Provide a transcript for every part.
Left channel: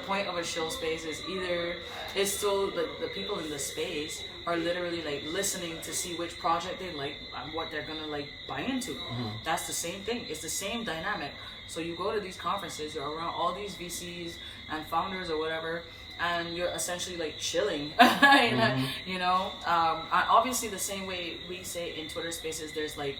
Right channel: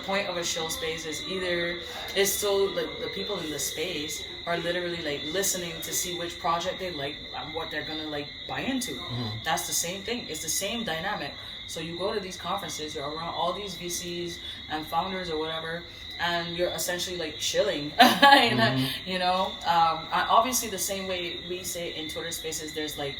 point of a show space is either it's so like the people in the space are literally like listening to see which project they like and what they're gonna like buy into. That's the same thing. It's the same dynamic. So you go to these conferences, you're around all these VCs and founders or whatever, and you're essentially like chilling. You know, obviously the same way we say in Twitter Spaces, there's like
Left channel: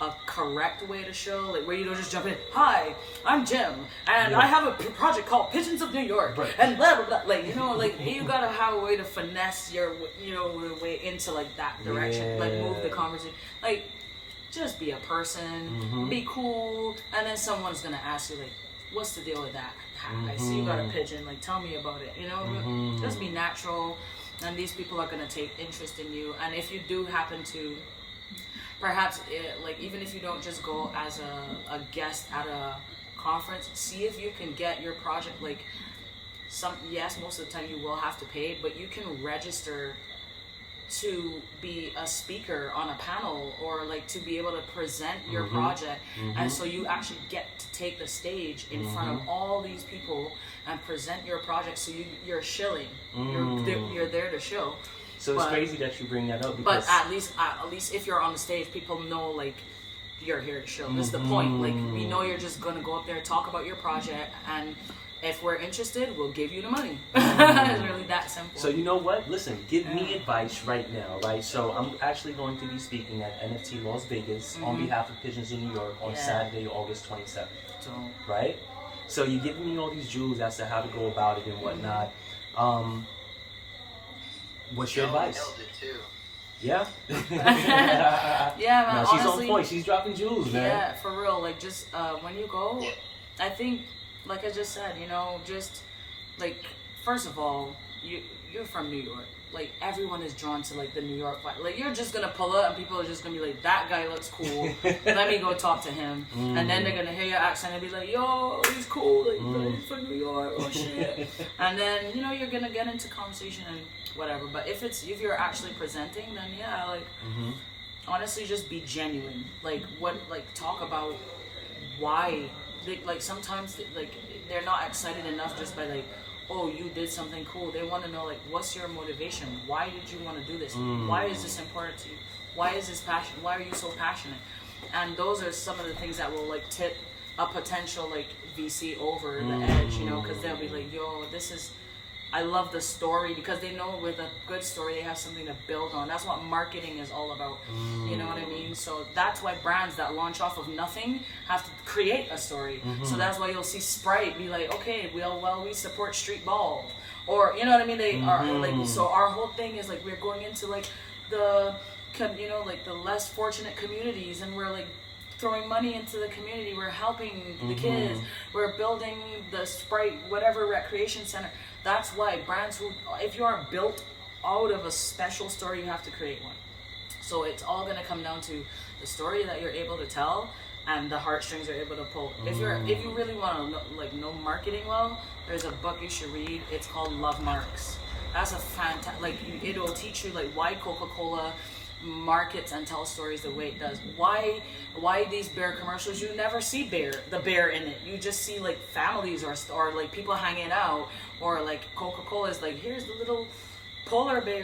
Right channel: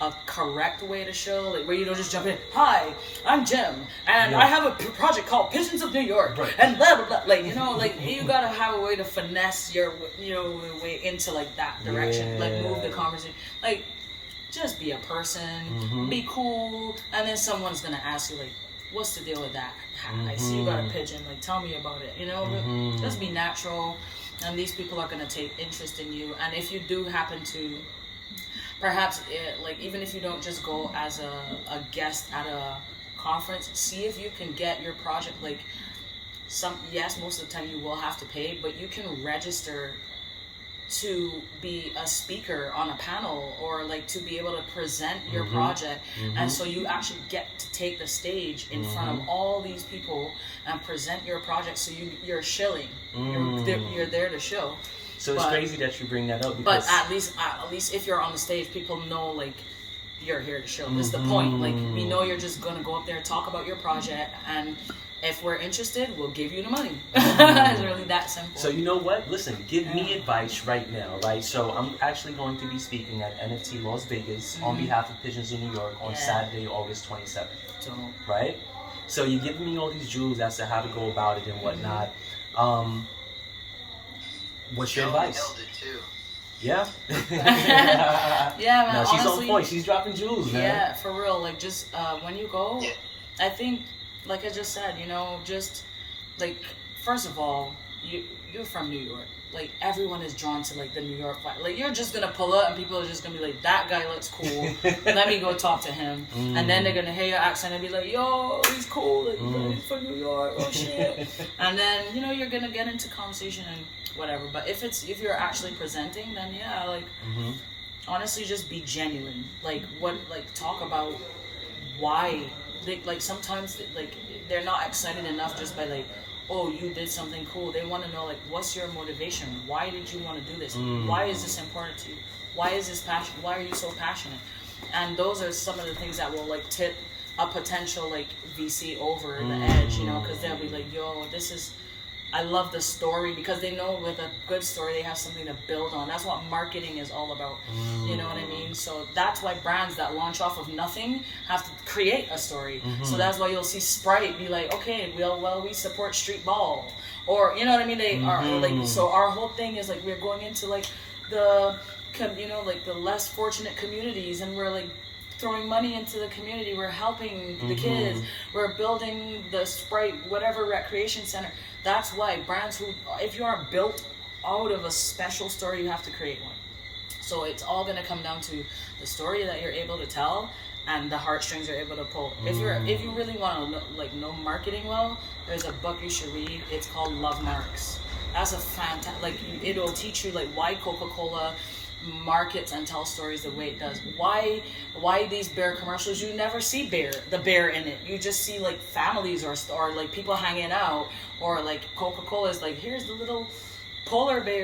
a correct way to show, like where you don't just jump in. Hi, I'm Jim, and I have a project called Pigeons of New York, and blah blah blah. Like, you know, like you gotta have a way to finesse your, you know, way into like that direction, like move the conversation. Like, just be a person, be cool, and then someone's gonna ask you like, what's the deal with that? I see you got a pigeon. Like, tell me about it. You know, just be natural, and these people are gonna take interest in you. And if you do happen to, perhaps, like, even if you don't just go as a guest at a conference, see if you can get your project, like, yes, most of the time you will have to pay, but you can register to be a speaker on a panel, or like to be able to present your project. And so you actually get to take the stage in front of all these people and present your project. So you're shilling, you're there to show. So it's crazy that you bring that up, because but at least if you're on the stage, people know like you're here to show. That's the point. Like, we know you're just gonna go up there, talk about your project, and if we're interested, we'll give you the money. It's really that simple. So you know what? Listen, give me advice right now, right? So I'm actually going to be speaking at NFT Las Vegas on behalf of Pigeons in New York on Saturday, August 27th. Right? So you're giving me all these jewels as to how to go about it and whatnot. What's your advice? Yeah. Yeah, man. No, she's honestly, on point. She's dropping jewels, man. Yeah, for real. Like, just when you go, I think, like I just said, you know, just like, first of all, you're from New York. Like, everyone is drawn to like the New York vibe. Like, you're just gonna pull up and people are just gonna be like, that guy looks cool. Let me go talk to him. And then they're gonna hear your accent and be like, yo, he's cool. Like, he's from New York. Oh shit. And then, you know, you're gonna get into conversation and whatever. But if you're actually presenting, then yeah, like, honestly, just be genuine. Like, talk about why. Like, sometimes, like, they're not excited enough just by like, oh, you did something cool. They want to know, like, what's your motivation? Why did you want to do this? Why is this important to you? Why is this passion? Why are you so passionate? And those are some of the things that will like tip a potential like VC over the edge, you know, because they'll be like, yo, I love the story, because they know with a good story they have something to build on. That's what marketing is all about. You know what I mean? So that's why brands that launch off of nothing have to create a story. So that's why you'll see Sprite be like, okay, we support street ball, or you know what I mean? They are like, so our whole thing is like, we're going into like the, you know, like the less fortunate communities, and we're like throwing money into the community. We're helping the kids. We're building the Sprite whatever recreation center. That's why brands if you are built out of a special story, you have to create one. So it's all gonna come down to the story that you're able to tell and the heartstrings you're able to pull. If you really want to know marketing well, there's a book you should read. It's called Love Marks. That's a fantastic, like, it'll teach you like why Coca-Cola markets and tells stories the way it does. Why these bear commercials, you never see the bear in it. You just see like families or like people hanging out, or like Coca-Cola is like, here's the little polar bear